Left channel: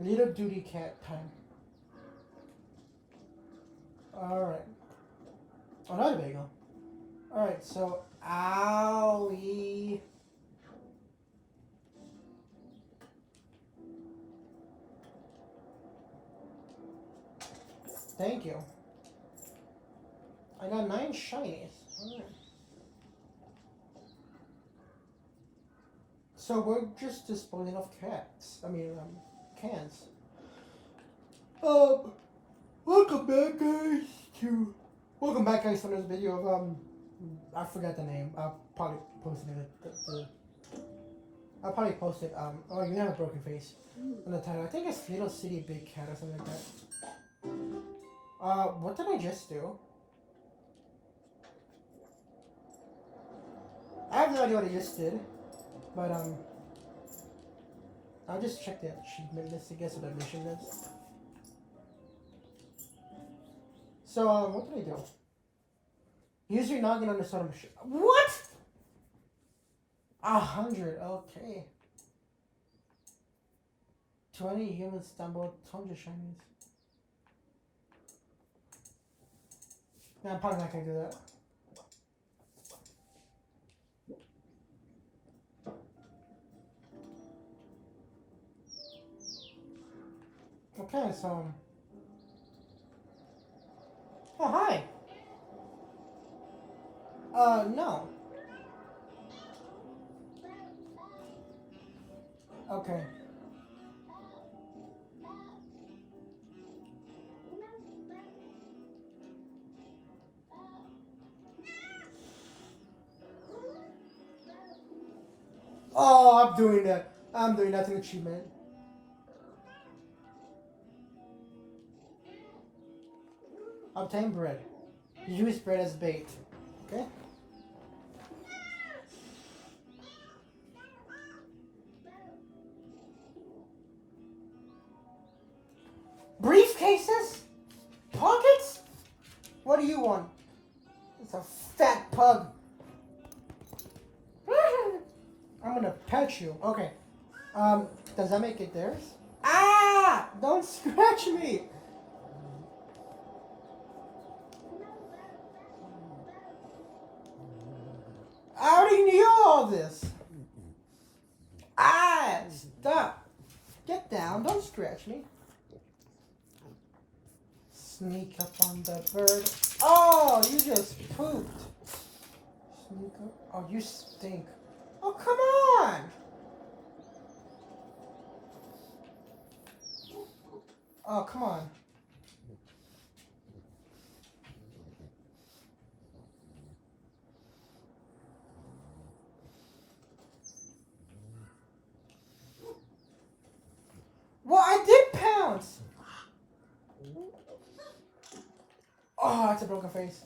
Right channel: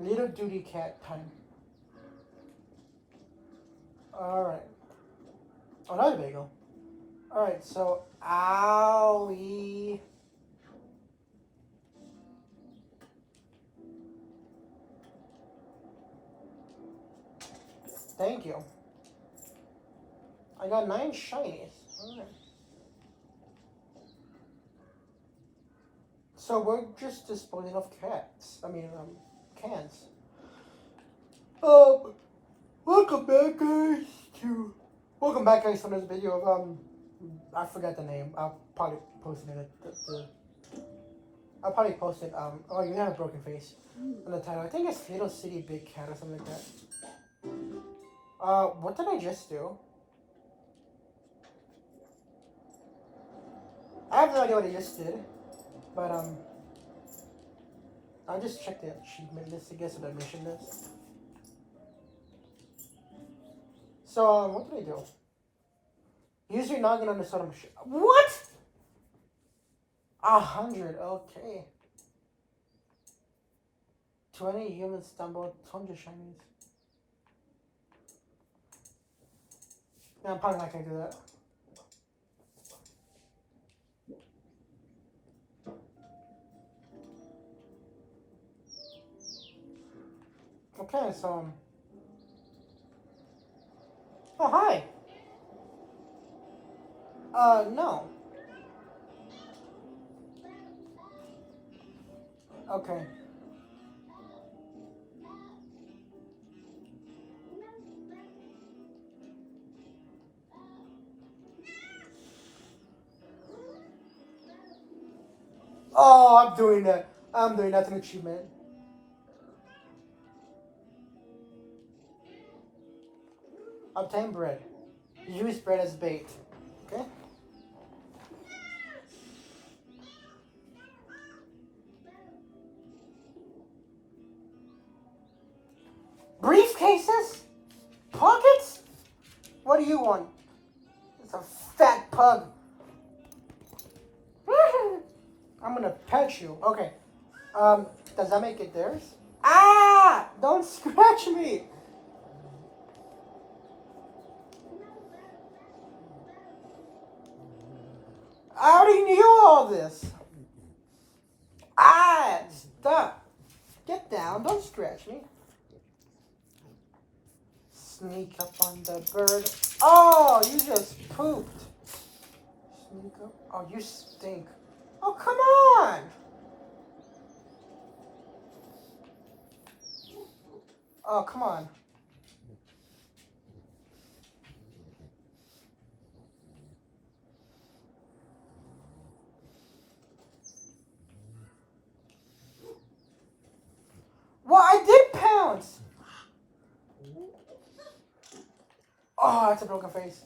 Little duty cat time. Alright. Another bagel. Alright, so owie. Thank you. I got 9 shinies. Alright. So we're just disposing of cats. Cans. Welcome back, guys, to this video of I forgot the name. I'll probably post it. I'll probably post it. Oh, you have a broken face in the title. I think it's Little City Big Cat or something like that. What did I just do? I have no idea what I just did, but I'll just check the achievement list to guess what the mission is. So, what did I do? Use your noggin on the side of what? 100, okay. 20 humans stumbled, 200 shinies. Yeah, I'm probably not gonna do that. Okay, so. Oh, hi! No. Okay. Oh, I'm doing that. I'm doing that to achievement. Obtain bread. Use bread as bait. Okay? Briefcases? Pockets? What do you want? It's a fat pug. I'm gonna pet you. Okay. Does that make it theirs? Ah! Don't scratch me! I already knew all this. Ah! Stop. Get down. Don't scratch me. Sneak up on the bird. Oh, you just pooped. Sneak up. Oh, you stink. Oh, come on! Oh, come on. Well, I did pounce! Oh, that's a broken face.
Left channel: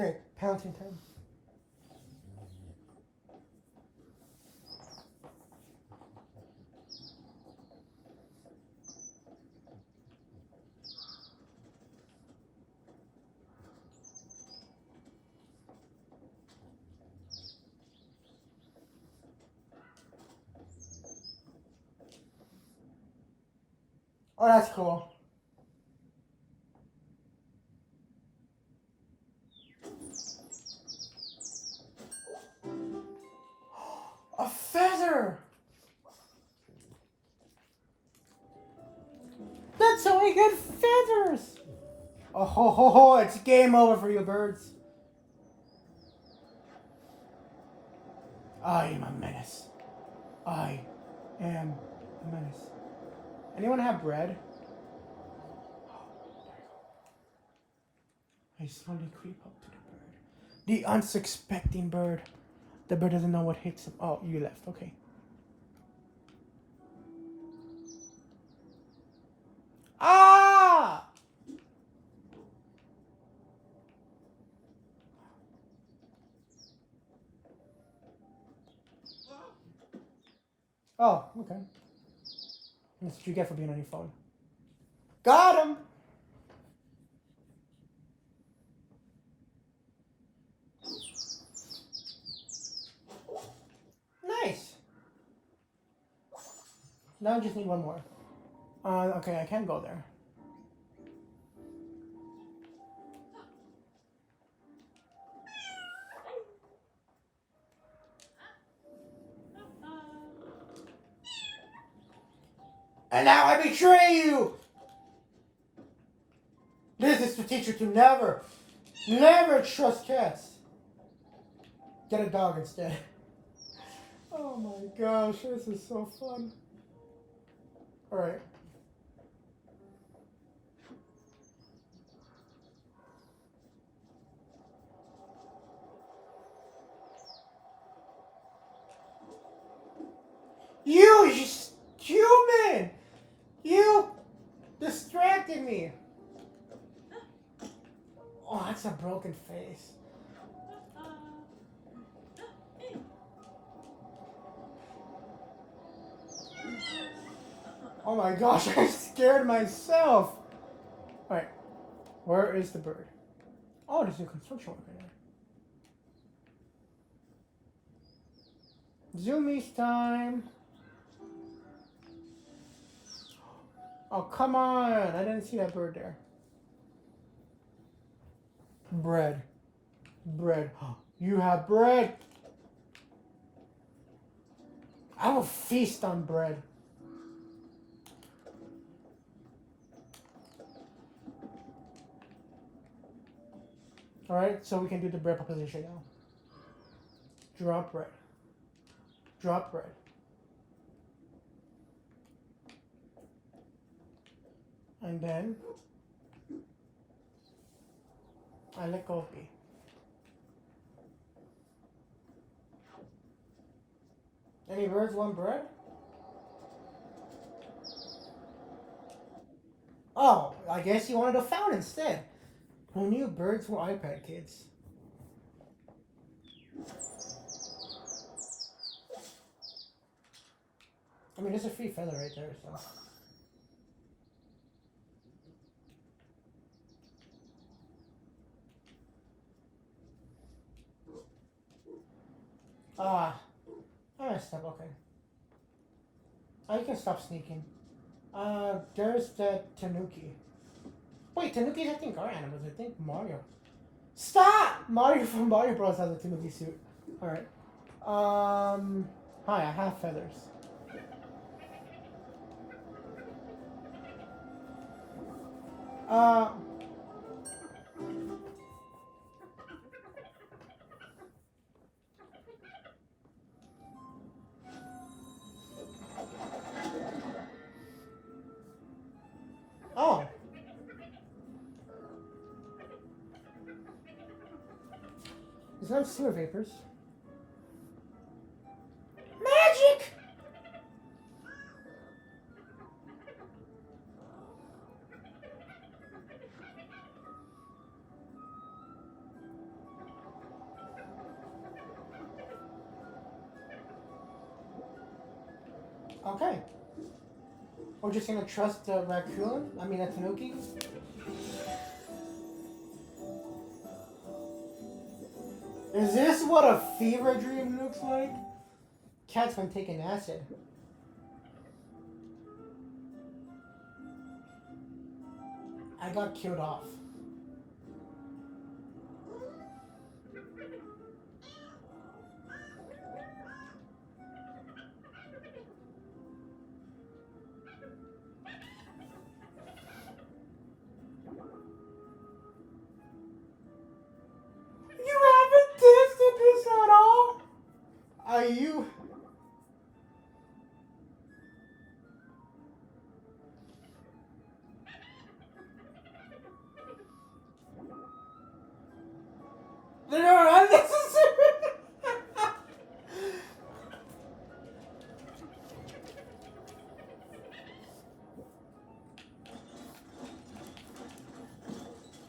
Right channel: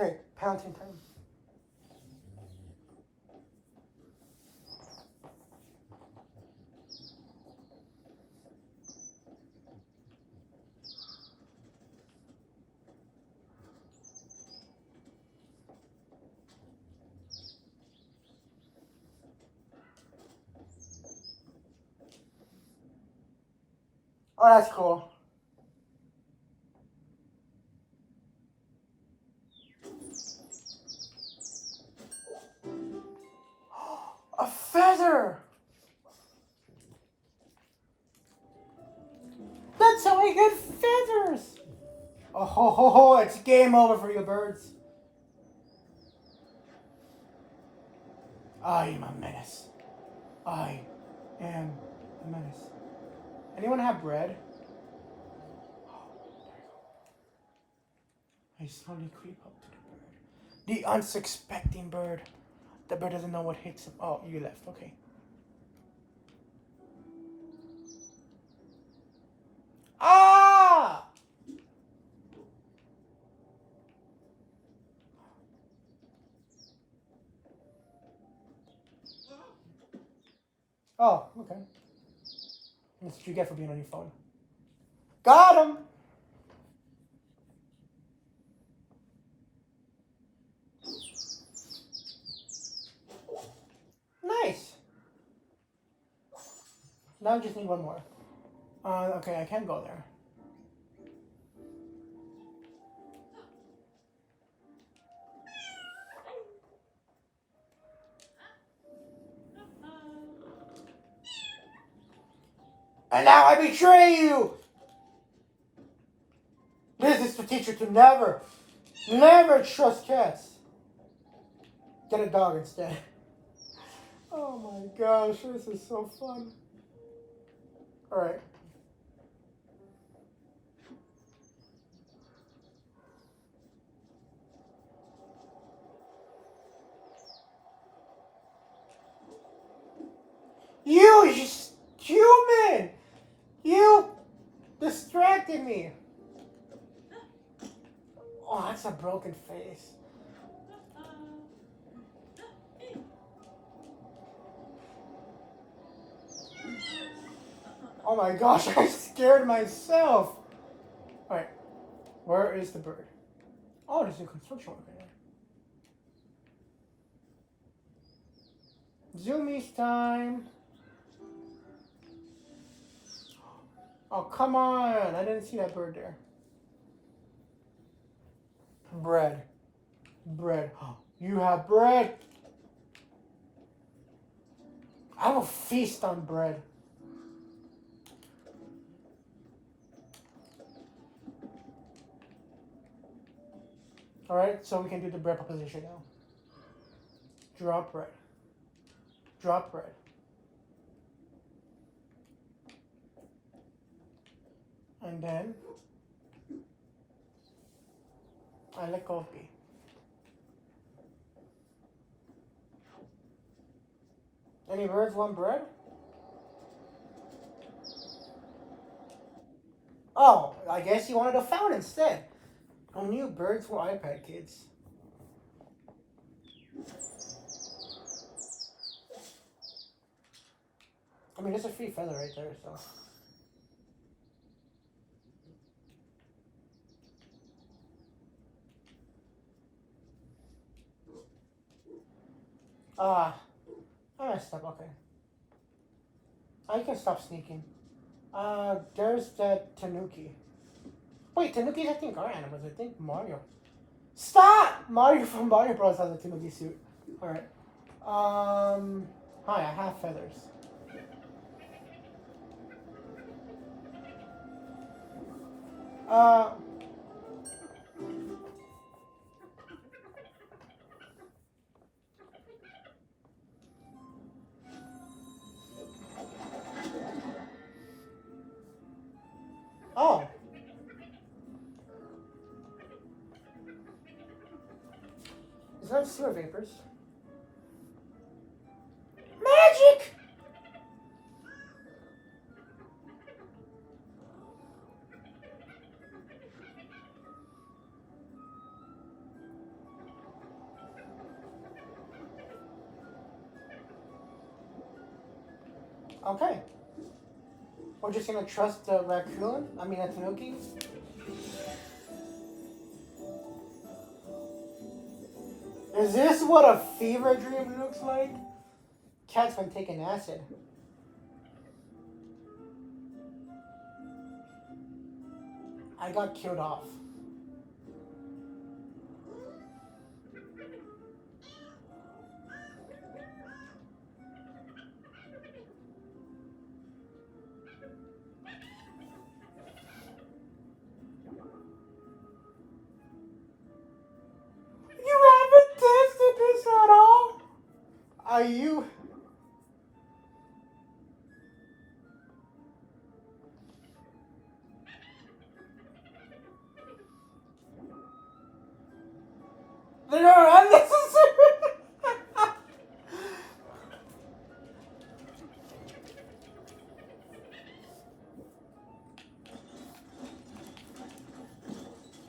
Okay, pouncing time. Oh, that's cool. A feather! That's how we get feathers! Oh ho ho ho, it's game over for you birds. I am a menace. I am a menace. Anyone have bread? I slowly creep up to the bird. The unsuspecting bird. The bird doesn't know what hits him. Oh, you left. Okay. Ah! Oh, okay. That's what you get for being on your phone. Got him! Now I just need one more. Okay, I can go there. And now I betray you! This is to teach you to never trust cats. Get a dog instead. Oh my gosh, this is so fun. Alright. You human! You distracted me! Oh, that's a broken face. Oh my gosh, I scared myself! Alright, where is the bird? Oh, there's a construction worker there. Zoomies time! Oh, come on! I didn't see that bird there. Bread. Bread. You have bread! I will feast on bread. Alright, so we can do the bread proposition now. Drop bread. Drop bread. And then I let go of B. Any birds want bread? Oh, I guess you wanted a fountain instead. Who knew birds were iPad kids? I mean, there's a free feather right there, so. I messed up, okay. I can stop sneaking. There's that Tanuki. Wait, Tanuki's I think are animals. I think Mario. Stop! Mario from Mario Bros has a Tanuki suit. Alright. Hi, I have feathers. Oh. It's not sewer vapors. Magic! Okay. We're just gonna trust the raccoon? I mean, the Tanuki? Is this what a fever dream looks like? Cat's been taking acid. I got killed off. You haven't tested this at all? Are you? They're unnecessary.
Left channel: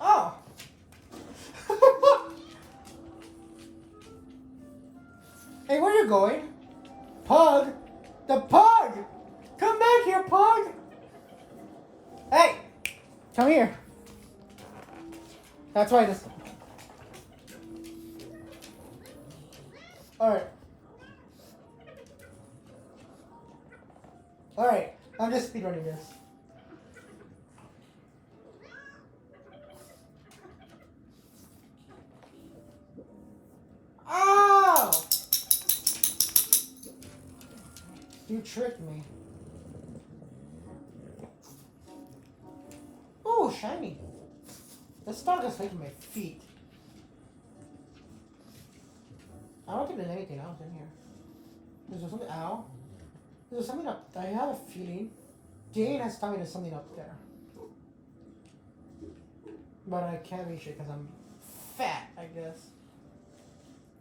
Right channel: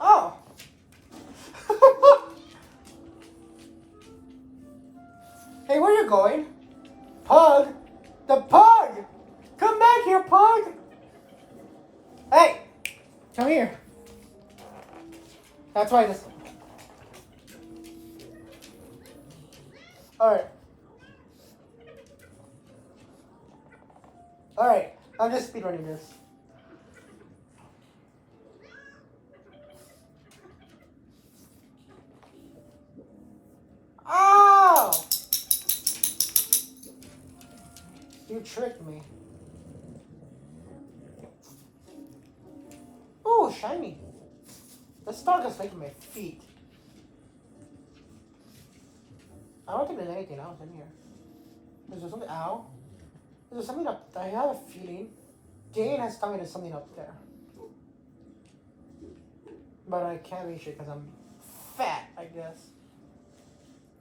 Oh. Hey, where are you going? Pug? The pug! Come back here, pug! Hey! Come here. That's why this... Alright. Alright, I'm just speedrunning this. Ow! You tricked me. Oh, shiny. The star is making my feet. I don't think there's anything else in here. Is there something? Ow. Is there something up? I have a feeling. Jane has told me there's something up there. But I can't reach it because I'm fat, I guess.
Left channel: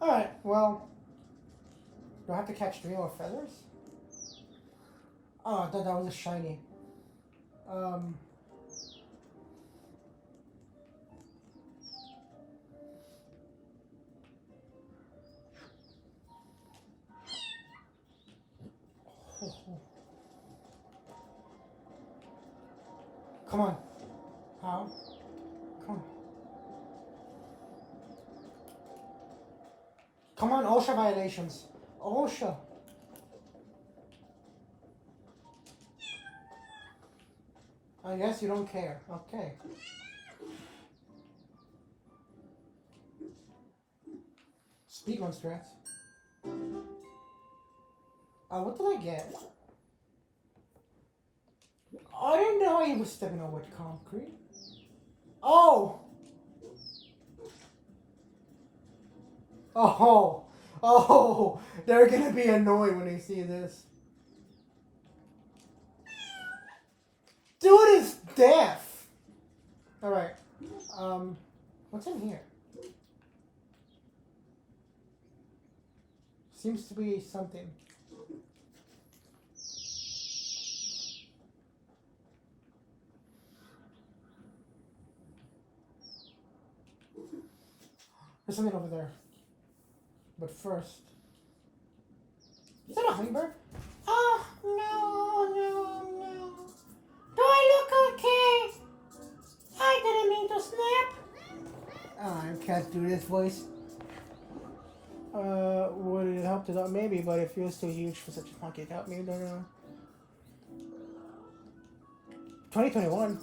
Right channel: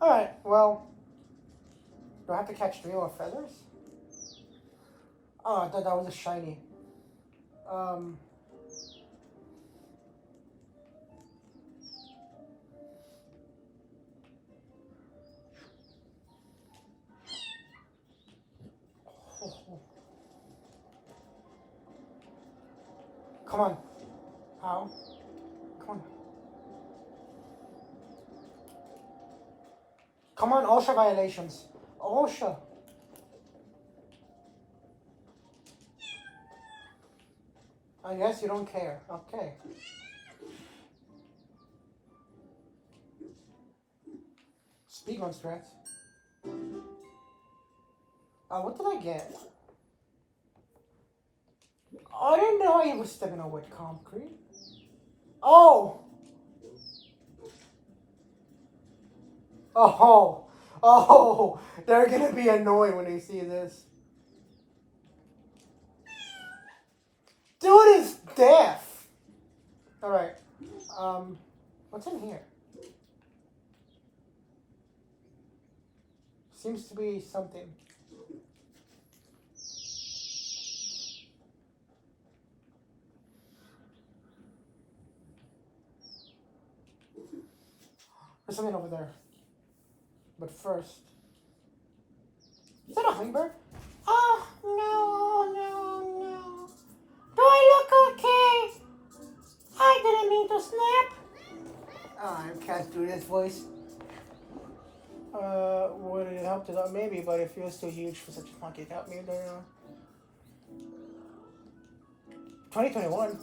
Alright, well. Do I have to catch 3 more feathers? Oh, I thought that was a shiny. Come on. How? Come on. Come on, OSHA violations. OSHA. I guess you don't care. Okay. Speedrun strats. What did I get? Oh, I didn't know he was stepping on wet concrete. Oh! Oh! Oh! They're gonna be annoyed when they see this. Dude is deaf! Alright. What's in here? Seems to be something. There's something over there. But first. Is that a hummingbird? Oh, no, no, no. Do I look okay? I didn't mean to snap. Oh, I can't do this voice. Would it help to not? Maybe, but it feels too huge for such a monkey. Help me, don't know. 2021.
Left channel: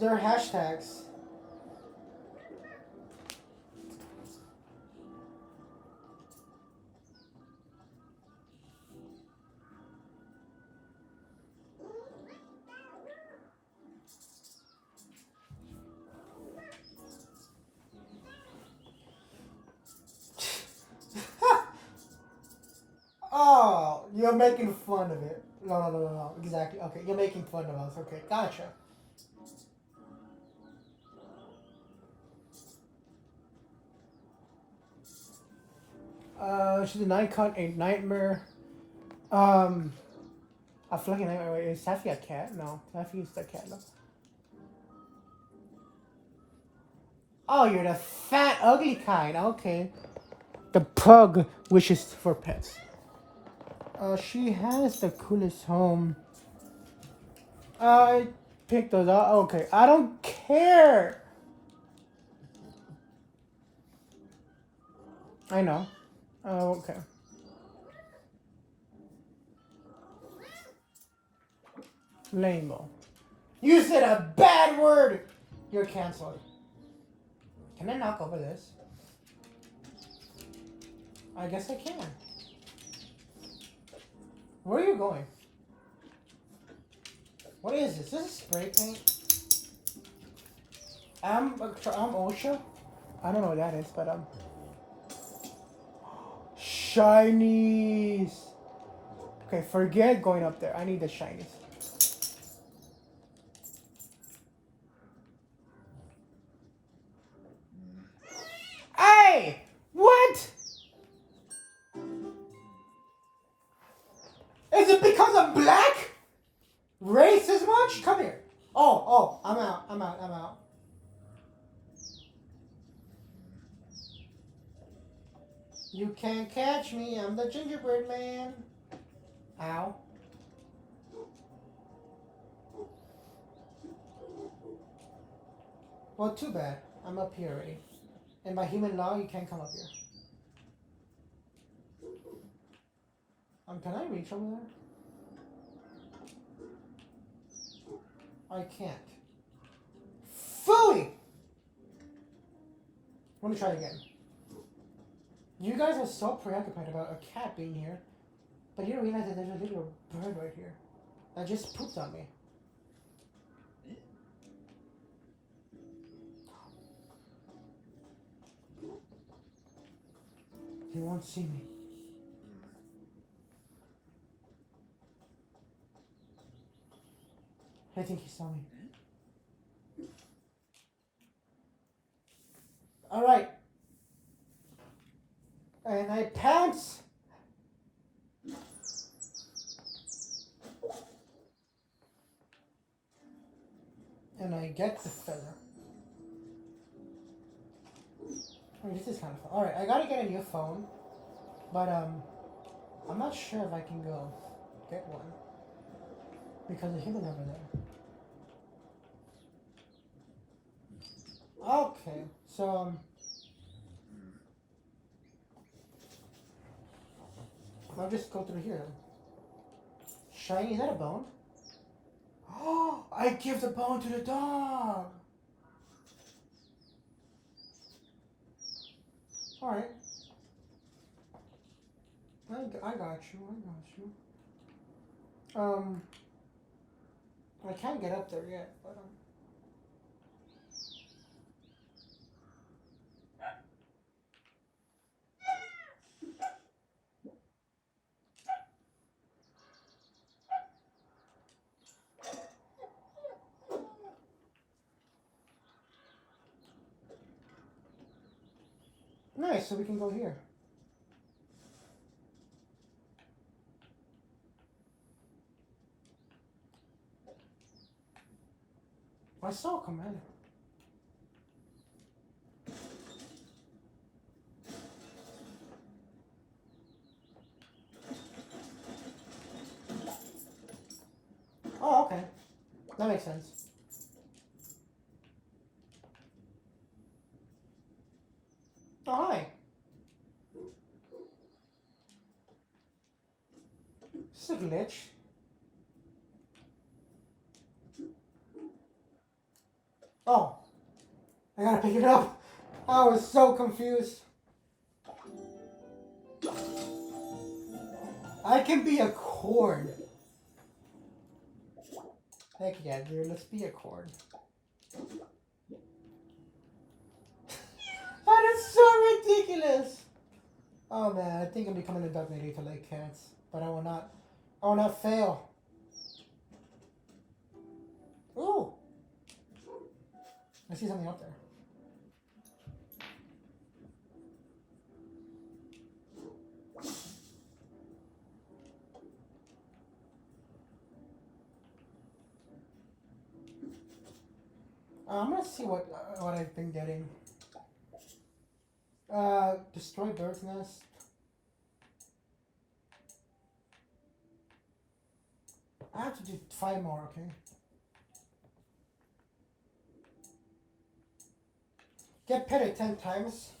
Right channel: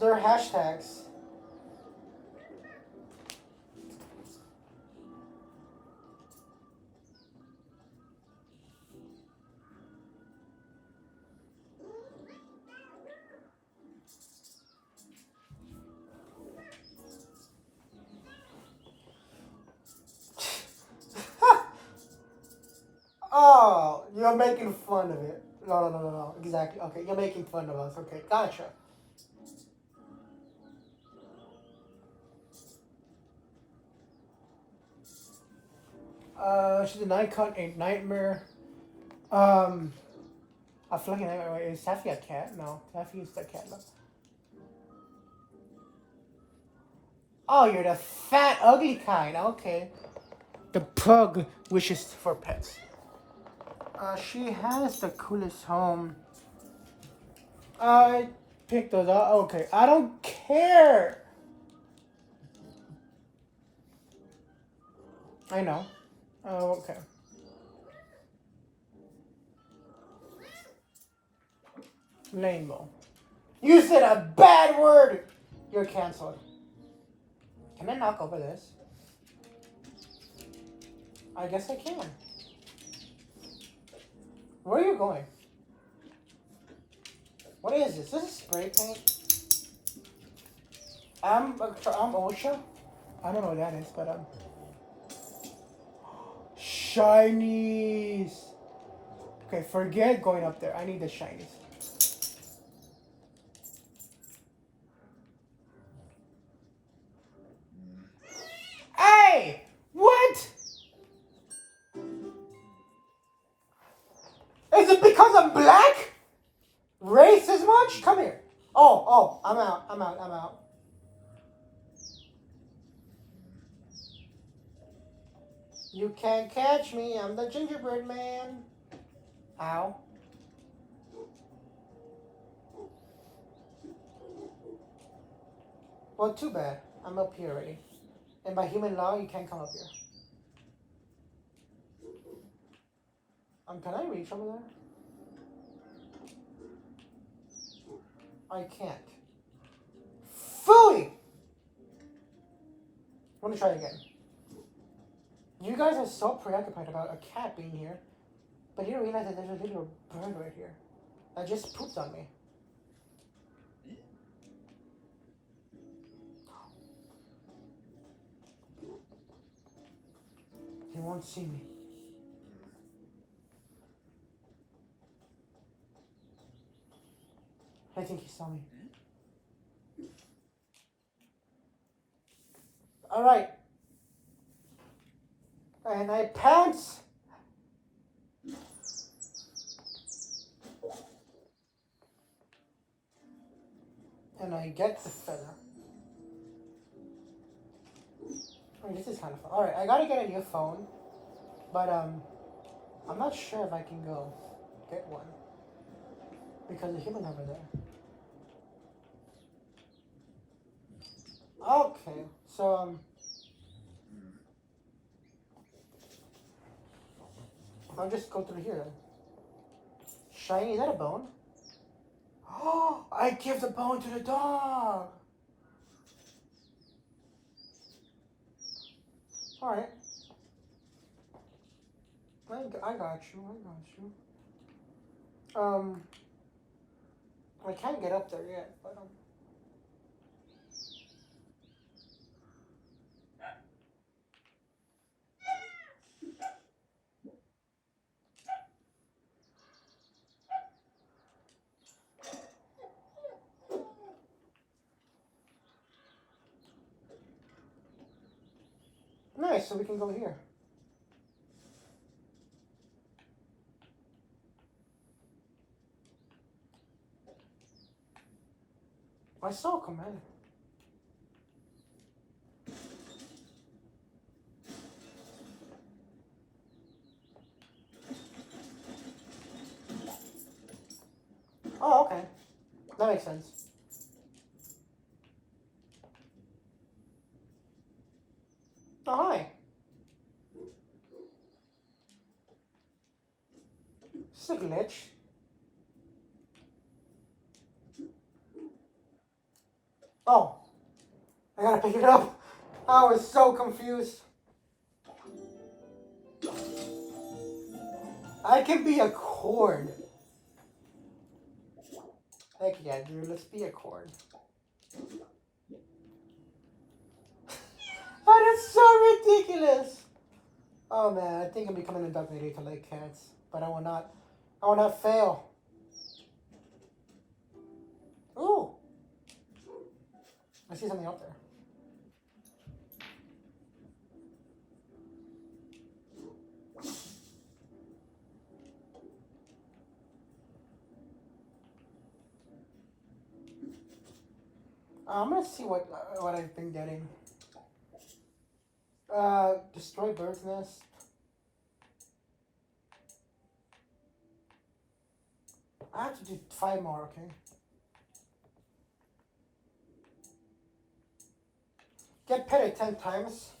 There are hashtags. Oh, you're making fun of it. No, no, no, no, exactly. Okay, you're making fun of us. Okay, gotcha. She's a nightmare. A fluffy nightmare. Wait, is Taffy a cat? No, Taffy is the cat. No. Oh, you're the fat, ugly kind. Okay. The pug wishes for pets. She has the coolest home. I picked those up. Okay, I don't care. I know. Oh, okay. Rainbow. You said a bad word! You're canceled. Can I knock over this? I guess I can. Where are you going? What is this? This is spray paint. I'm OSHA. I don't know what that is, but shinies. Okay, forget going up there. I need the shinies. Hey! What? Is it because I'm black? Race as much? Come here. Oh, I'm out. You can't catch me. I'm the gingerbread man. Ow. Well, too bad. I'm up here already. And by human law, you can't come up here. Can I reach over there? I can't. Phooey! Let me try again. You guys are so preoccupied about a cat being here, but you don't realize that there's a little bird right here that just pooped on me. He won't see me. I think he saw me. Alright. And I pants. And I get the feather. I mean, this is kind of fun. Alright, I gotta get a new phone. But, I'm not sure if I can go get one. Because the human over there. Okay, so, I'll just go through here then. Shiny, is that a bone? Oh, I give the bone to the dog! Alright. I got you. I can't get up there yet, but, nice, so we can go here. I saw a commander. Oh, okay. That makes sense. Oh, hi. This is a glitch. Oh. I gotta pick it up. I was so confused. I can be a cord. Heck yeah, dude. Let's be a cord. That is so ridiculous. Oh man, I think I'm becoming a dog lady to like cats, but I will not. I will not fail. Ooh. I see something out there. I'm gonna see what I've been getting. Destroy bird's nest. I have to do 5 more, okay? Get petted 10 times.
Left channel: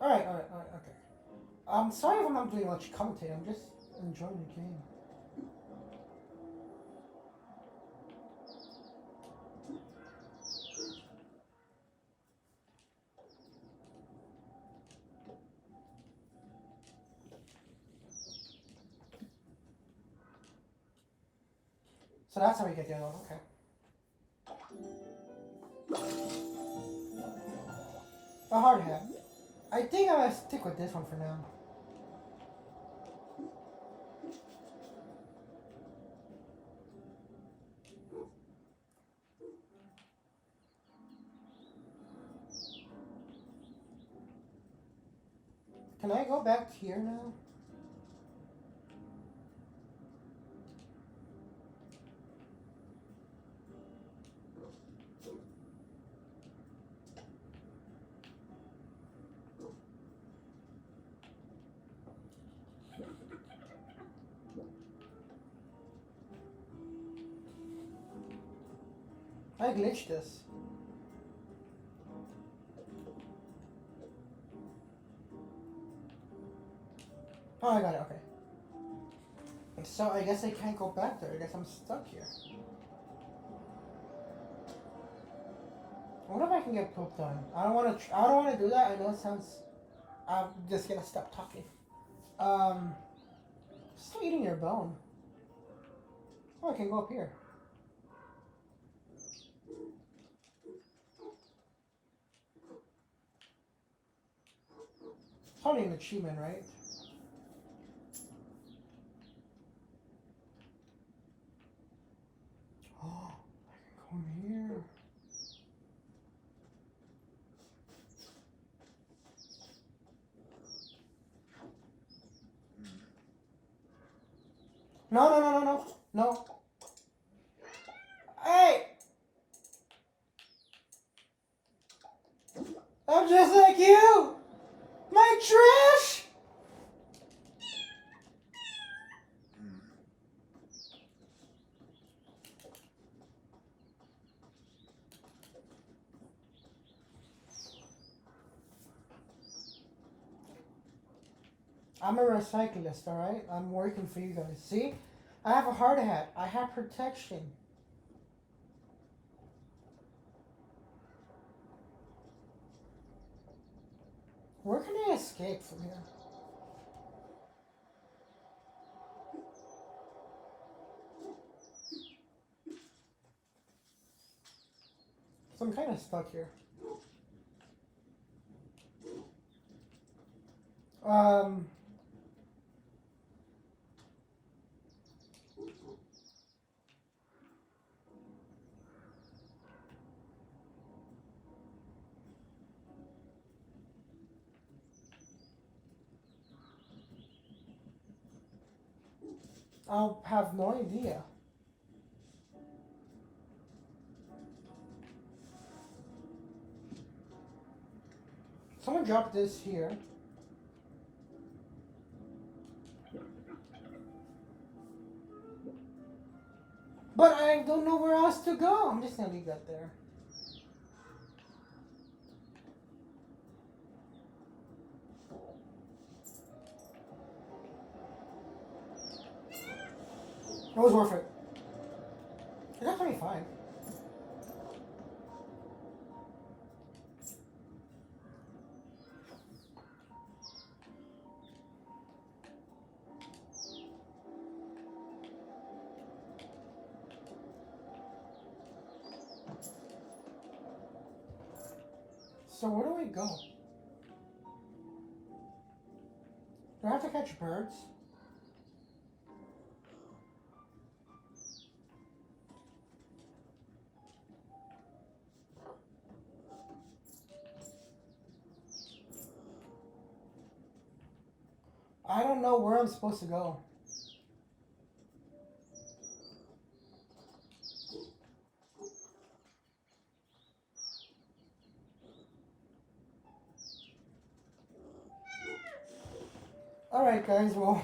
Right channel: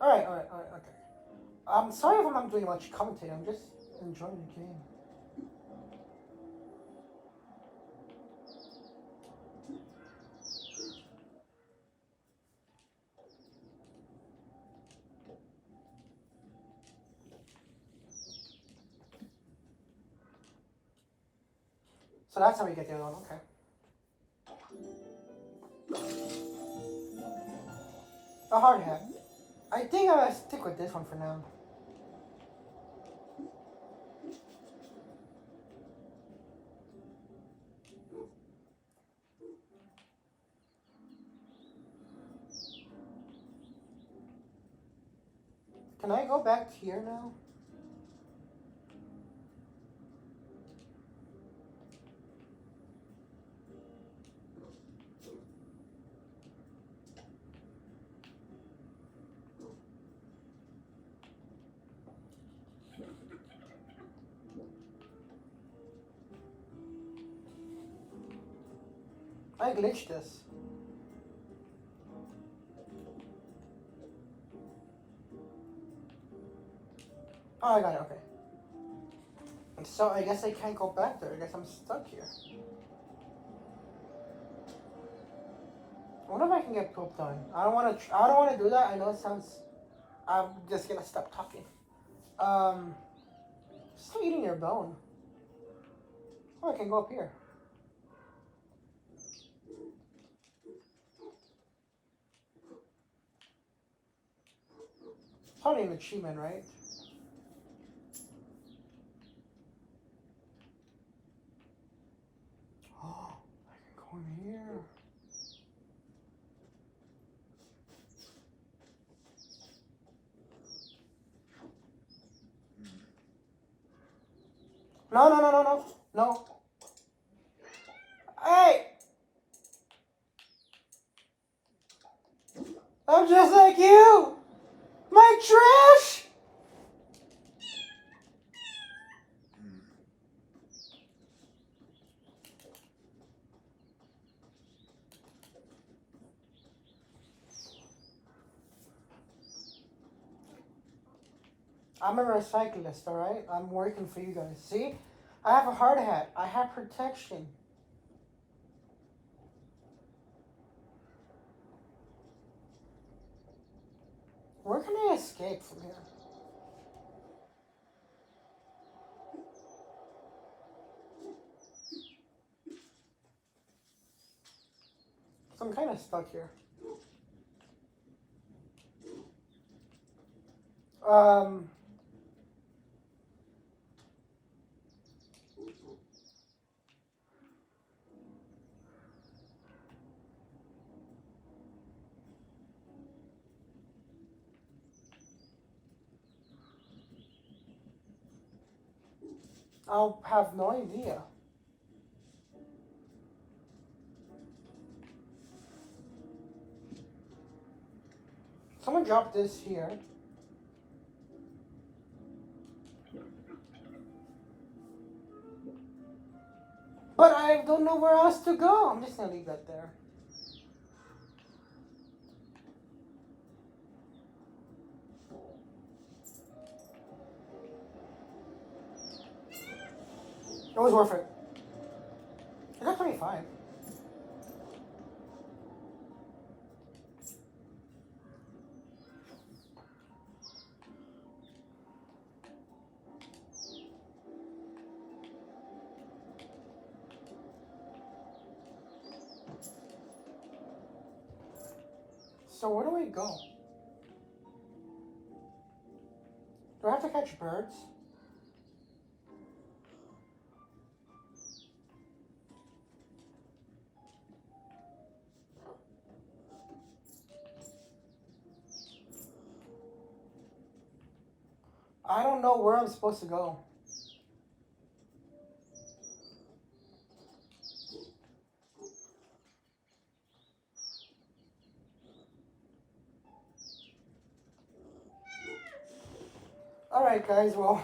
Alright, okay. I'm sorry if I'm not doing much commentating, I'm just enjoying the game. So that's how we get the other one, okay. A hard hat. I think I'm gonna stick with this one for now. Can I go back here now? I glitched this. Oh, I got it, okay. So I guess I can't go back there. I guess I'm stuck here. I wonder if I can get pooped on. I don't want to. I don't want to do that. I know it sounds. I'm just gonna stop talking. Still eating your bone. Oh, I can go up here. Probably an achievement, right? Oh, I can go in here. No, no, no, no, no, no. Hey! I'm just like you! My trash! I'm a recyclist, alright? I'm working for you guys. See? I have a hard hat. I have protection. Where can I escape from here? So I'm kind of stuck here. Um... I'll have no idea. Someone dropped this here. But I don't know where else to go. I'm just gonna leave that there. It was worth it. I got 25. So where do I go? Do I have to catch birds? I don't know where I'm supposed to go. Alright guys, well,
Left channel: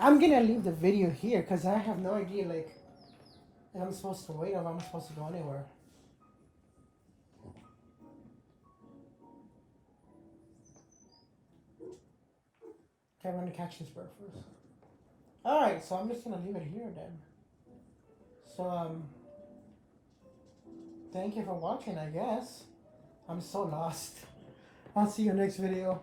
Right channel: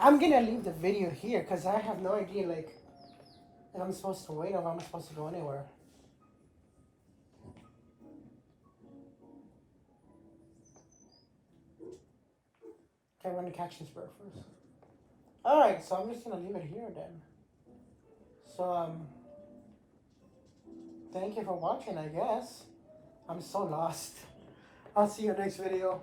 I'm gonna leave the video here because I have no idea like if I'm supposed to wait or if I'm supposed to go anywhere. Okay, I'm gonna catch this bird first. Alright, so I'm just gonna leave it here then. So thank you for watching, I guess. I'm so lost. I'll see you next video.